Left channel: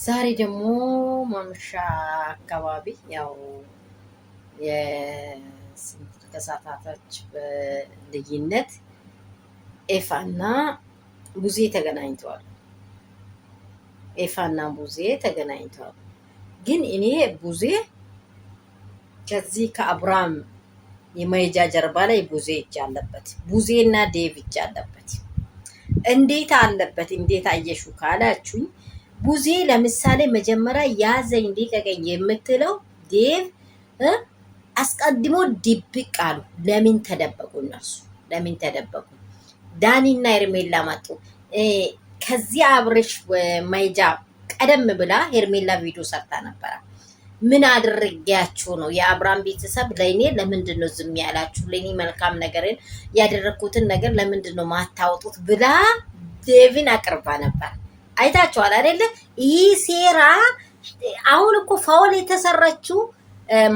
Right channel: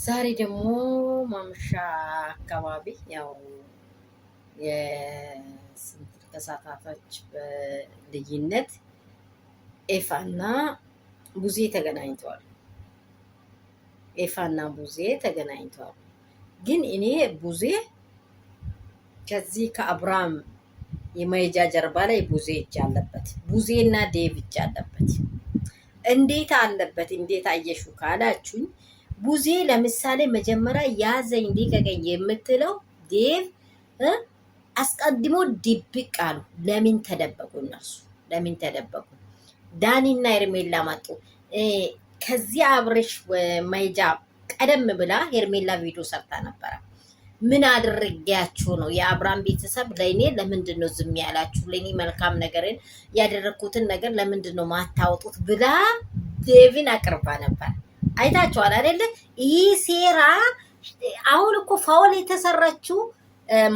ዛሬ ደግሞ ማምሻ አካባቢ ያው የስንት ከሰዓታቶች በልዩነት ኤፋና ቡዜ ተገናኝተዋል። ኤፋና ቡዜ ተገናኝተዋል። ግን እኔ ቡዜ ከዚህ ከአብርሃም የመሄጃ ጀርባ ላይ ቡዜ እጅ አለበት። ቡዜና ዴቭ እጅ አለበት። እንዴት አለበት? እንዴት አየሹ ካላችሁኝ ቡዜ ለምሳሌ መጀመሪያ ያዘኝ ሊቀቀኝ የምትለው ዴቭ አስቀድሞ ድብቅ አሉ። ለምን ተደበቁ? እነርሱ ለምን ተደበቁ? ዳኒና ኤርሜላ መጡ። ከዚያ አብርሽ ማይጃ ቀደም ብላ ሄርሜላ ቪዲዮ ሰርታ ነበረ። ምን አድርጌያችሁ ነው የአብርሃም ቤተሰብ ለእኔ ለምንድን ነው ዝም ያላችሁ? ለእኔ መልካም ነገርን ያደረግኩትን ነገር ለምንድን ነው ማታወጡት ብላ ዴቪን አቅርባ ነበር። አይታችኋል አይደለ? ይህ ሴራ አሁን እኮ ፋውል የተሰራችው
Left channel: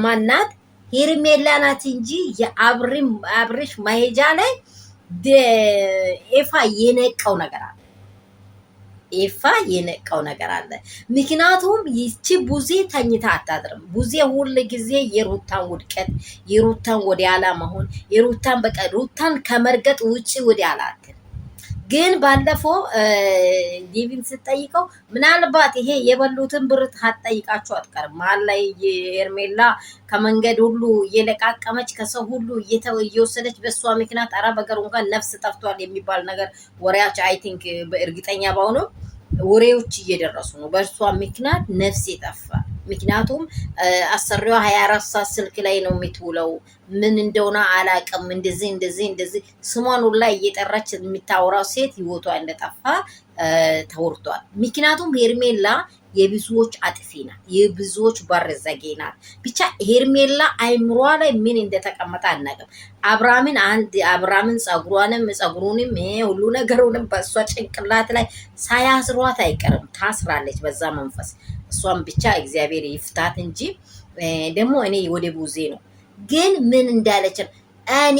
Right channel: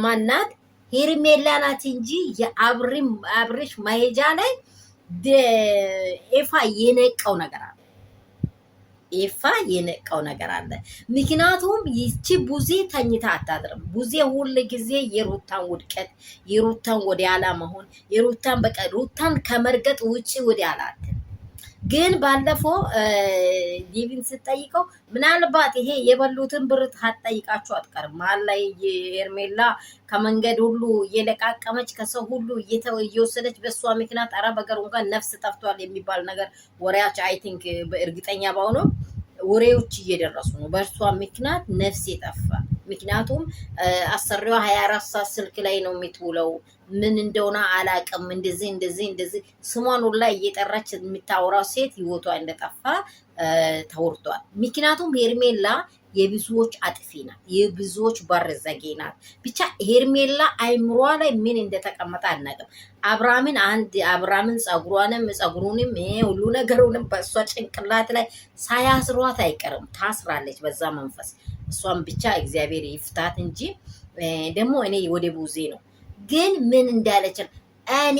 ማናት? ሄርሜላ ናት እንጂ የአብርሽ መሄጃ ላይ ኤፋ የነቀው ነገር አለ። ኤፋ የነቀው ነገር አለ። ምክንያቱም ይቺ ቡዜ ተኝታ አታድርም። ቡዜ ሁል ጊዜ የሩታን ውድቀት፣ የሩታን ወደ ኋላ መሆን፣ የሩታን በቃ ሩታን ከመርገጥ ውጪ ወደ ኋላ አትልም። ግን ባለፈው ዲቪን ስትጠይቀው ምናልባት ይሄ የበሉትን ብር ታጠይቃችሁ አትቀርም። መሀል ላይ ኤርሜላ ከመንገድ ሁሉ እየለቃቀመች ከሰው ሁሉ እየወሰደች በእሷ ምክንያት አራ በገር እንኳን ነፍስ ጠፍቷል የሚባል ነገር ወሬያች አይ ቲንክ በእርግጠኛ ባሆኑ ወሬዎች እየደረሱ ነው። በእርሷ ምክንያት ነፍስ የጠፋ ምክንያቱም አሰሪዋ 24 ሰዓት ስልክ ላይ ነው የምትውለው። ምን እንደሆነ አላውቅም። እንደዚህ ስሟን ሁላ እየጠራች የምታወራው ሴት ህይወቷ እንደጠፋ ተወርቷል። ምክንያቱም ሄርሜላ የብዙዎች አጥፊ ናት፣ የብዙዎች በር ዘጌ ናት። ብቻ ሄርሜላ አይምሯ ላይ ምን እንደተቀመጠ አናውቅም። አብርሃምን ጸጉሩንም ሁሉ ነገሩንም በእሷ ጭንቅላት ላይ ሳያስሯት አይቀርም። ታስራለች በዛ መንፈስ። እሷን ብቻ እግዚአብሔር ይፍታት እንጂ ደግሞ እኔ ወደ ቡዜ ነው ግን ምን እንዳለች እኔ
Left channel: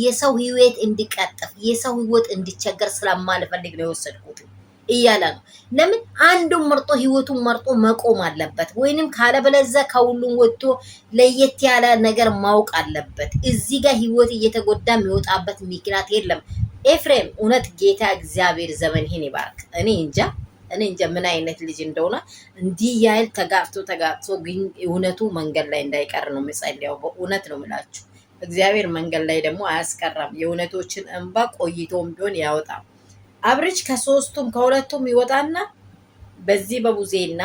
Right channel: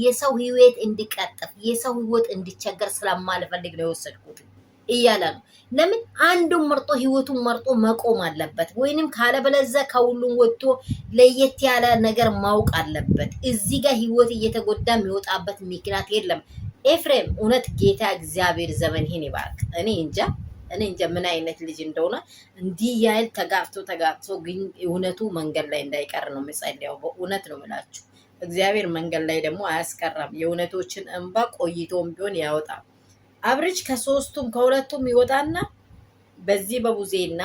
የሰው ህይወት እንዲቀጥፍ የሰው ህይወት እንዲቸገር ስለማልፈልግ ነው የወሰድኩት እያለ ነው። ለምን አንዱን መርጦ ህይወቱን መርጦ መቆም አለበት፣ ወይንም ካለበለዚያ ከሁሉም ወጥቶ ለየት ያለ ነገር ማወቅ አለበት። እዚህ ጋር ህይወት እየተጎዳ የሚወጣበት ምክንያት የለም። ኤፍሬም እውነት ጌታ እግዚአብሔር ዘመንህን ይባርክ። እኔ እንጃ ምን አይነት ልጅ እንደሆነ እንዲህ ያህል ተጋብቶ ግን እውነቱ መንገድ ላይ እንዳይቀር ነው የምጸልየው። በእውነት ነው የምላችሁ። እግዚአብሔር መንገድ ላይ ደግሞ አያስቀራም። የእውነቶችን እንባ ቆይቶም ቢሆን ያወጣል። አብርሽ ከሁለቱም ይወጣና በዚህ በቡዜና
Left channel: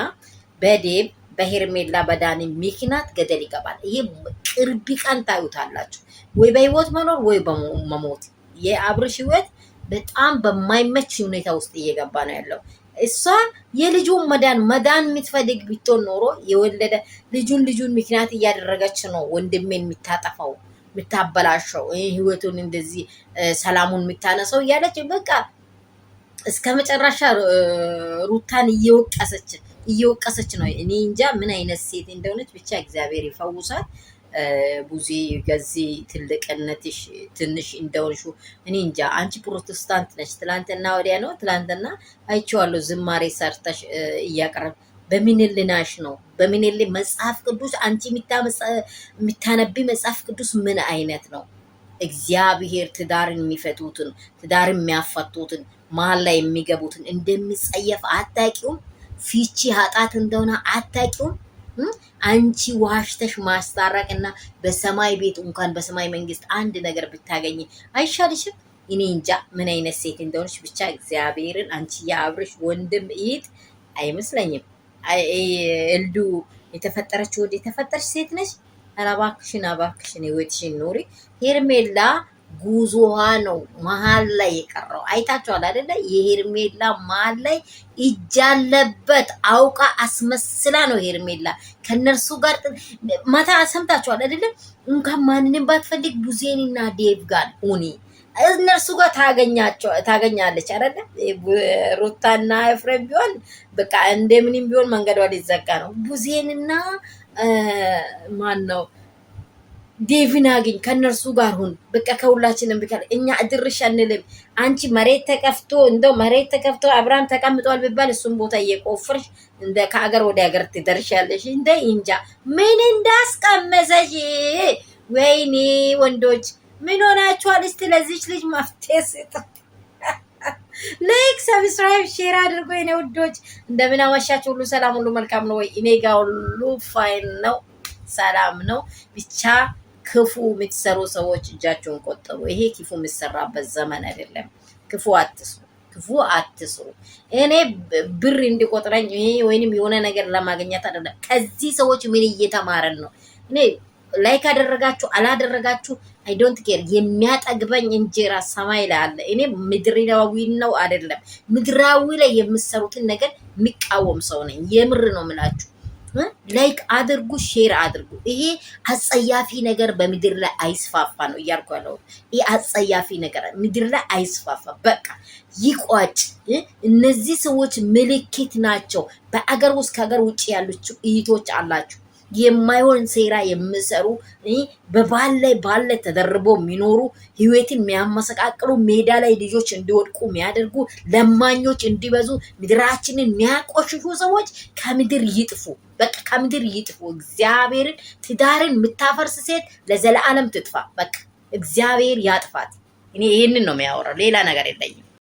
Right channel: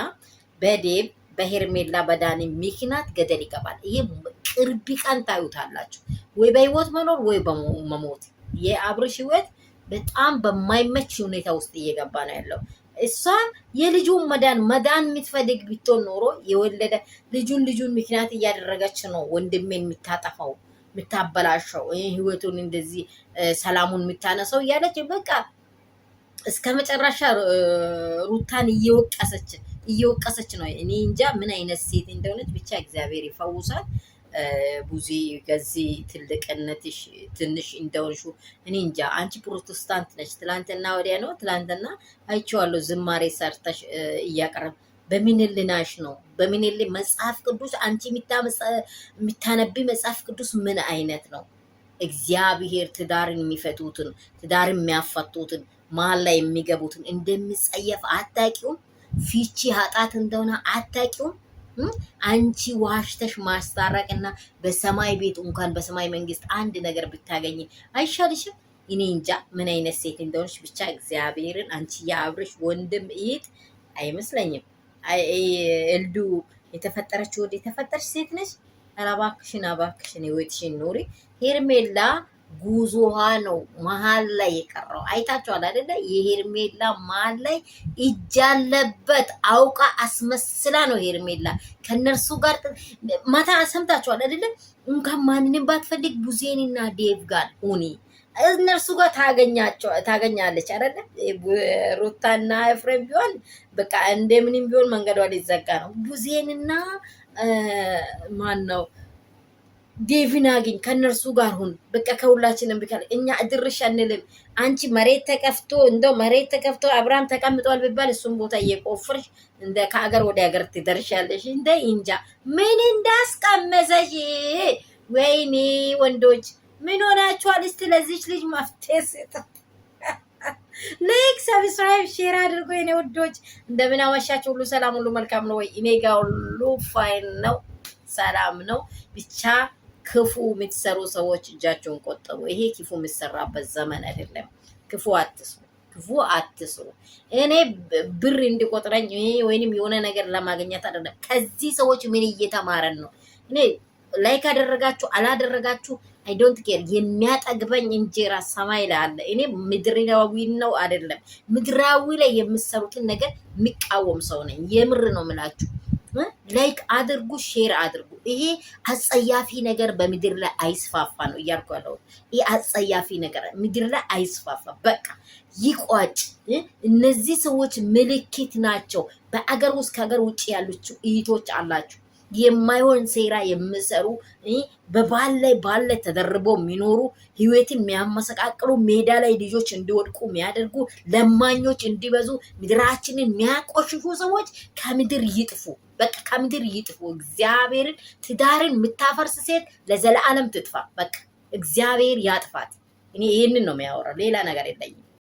በዴብ በሄርሜላ በዳኒ ምክንያት ገደል ይገባል። ይህ ቅርብ ቀን ታዩታላችሁ። ወይ በህይወት መኖር ወይ በመሞት። የአብርሽ ህይወት በጣም በማይመች ሁኔታ ውስጥ እየገባ ነው ያለው። እሷ የልጁን መዳን የምትፈልግ ቢትሆን ኖሮ የወለደ ልጁን ምክንያት እያደረገች ነው ወንድሜን የምታጠፋው የምታበላሸው ህይወቱን እንደዚህ ሰላሙን የምታነሰው እያለች በቃ እስከ መጨረሻ ሩታን እየወቀሰች ነው። እኔ እንጃ ምን አይነት ሴት እንደሆነች ብቻ እግዚአብሔር ይፈውሳል። ቡዜ ገዚህ ትልቅነትሽ ትንሽ እንደሆንሹ እኔ እንጃ። አንቺ ፕሮቴስታንት ነች። ትላንትና ወዲያ ነው ትላንትና አይቼዋለሁ ዝማሬ ሰርተሽ እያቀረብ በሚንልናሽ ነው በሚንል መጽሐፍ ቅዱስ አንቺ የሚታነቢ መጽሐፍ ቅዱስ ምን አይነት ነው? እግዚአብሔር ትዳርን የሚፈቱትን ትዳርን የሚያፈቱትን መሀል ላይ የሚገቡትን እንደሚጸየፍ አታውቂውም? ፊቺ ኃጢአት እንደሆነ አታውቂውም? አንቺ ዋሽተሽ ማስታረቅና በሰማይ ቤት እንኳን በሰማይ መንግስት አንድ ነገር ብታገኝ አይሻልሽም? እኔ እንጃ ምን አይነት ሴት እንደሆነች ብቻ እግዚአብሔርን። አንቺ የአብርሽ ወንድም እህት አይመስለኝም። እልዱ የተፈጠረች ወደ የተፈጠረች ሴት ነች። እባክሽን ህይወትሽን ኑሪ። ሄርሜላ ጉዞዋ ነው መሀል ላይ የቀረው። አይታችኋል አይደለ? የሄርሜላ መሀል ላይ እጅ አለበት። አውቃ አስመስላ ነው ሄርሜላ ከነርሱ ጋር ማታ ሰምታችኋል አይደለ? እንኳን ማንንም ባትፈልግ ቡዜንና ዴቭ ጋር ሁኒ እነርሱ ጋር ታገኛለች አይደለ? ሩታና ኤፍሬም ቢሆን በቃ እንደምንም ቢሆን መንገዷ ሊዘጋ ነው። ቡዜንና ማን ነው ዴቪን አግኝ ከነርሱ ጋር ሁን። በቃ ከሁላችንም ቢካል እኛ እድርሽ አንልም። አንቺ መሬት ተከፍቶ እንደው መሬት ተከፍቶ አብርሃም ተቀምጧል ቢባል እሱም ቦታ እየቆፈርሽ እንደ ከአገር ወደ ሀገር ትደርሻለሽ። እንደ እንጃ ምን እንዳስቀመሰሽ። ወይኔ ወንዶች ምን ሆናችኋል? እስቲ ለዚች ልጅ መፍትሄ ስጡ። ላይክ ሰብስክራይብ ሼር አድርጎ የኔ ውዶች እንደምን አመሻችሁ? ሁሉ ሰላም ሁሉ መልካም ነው ወይ? እኔ ጋር ሁሉ ፋይን ነው፣ ሰላም ነው። ብቻ ክፉ የምትሰሩ ሰዎች እጃቸውን ቆጠቡ። ይሄ ክፉ የሚሰራበት ዘመን አይደለም። ክፉ አትስሩ፣ ክፉ አትስሩ። እኔ ብር እንዲቆጥረኝ ይሄ ወይንም የሆነ ነገር ለማግኘት አይደለም። ከዚህ ሰዎች ምን እየተማረን ነው? እኔ ላይክ አደረጋችሁ አላደረጋችሁ አይ ዶንት ኬር። የሚያጠግበኝ እንጀራ ሰማይ ላይ አለ። እኔ ምድራዊ ነው አይደለም፣ ምድራዊ ላይ የምሰሩትን ነገር የሚቃወም ሰው ነኝ። የምር ነው የምላችሁ። ላይክ አድርጉ፣ ሼር አድርጉ። ይሄ አጸያፊ ነገር በምድር ላይ አይስፋፋ ነው እያልኩ ያለው። ይሄ አጸያፊ ነገር ምድር ላይ አይስፋፋ፣ በቃ ይቋጭ። እነዚህ ሰዎች ምልክት ናቸው። በአገር ውስጥ ከሀገር ውጭ ያሉት እህቶች አላችሁ የማይሆን ሴራ የሚሰሩ በባል ላይ ተደርቦ የሚኖሩ ህይወትን የሚያመሰቃቅሉ ሜዳ ላይ ልጆች እንዲወድቁ የሚያደርጉ ለማኞች እንዲበዙ ምድራችንን የሚያቆሽሹ ሰዎች ከምድር ይጥፉ። በቃ ከምድር ይጥፉ። እግዚአብሔርን ትዳርን የምታፈርስ ሴት ለዘላለም ትጥፋ። በቃ እግዚአብሔር ያጥፋት። እኔ ይህንን ነው የሚያወራው፣ ሌላ ነገር የለኝም።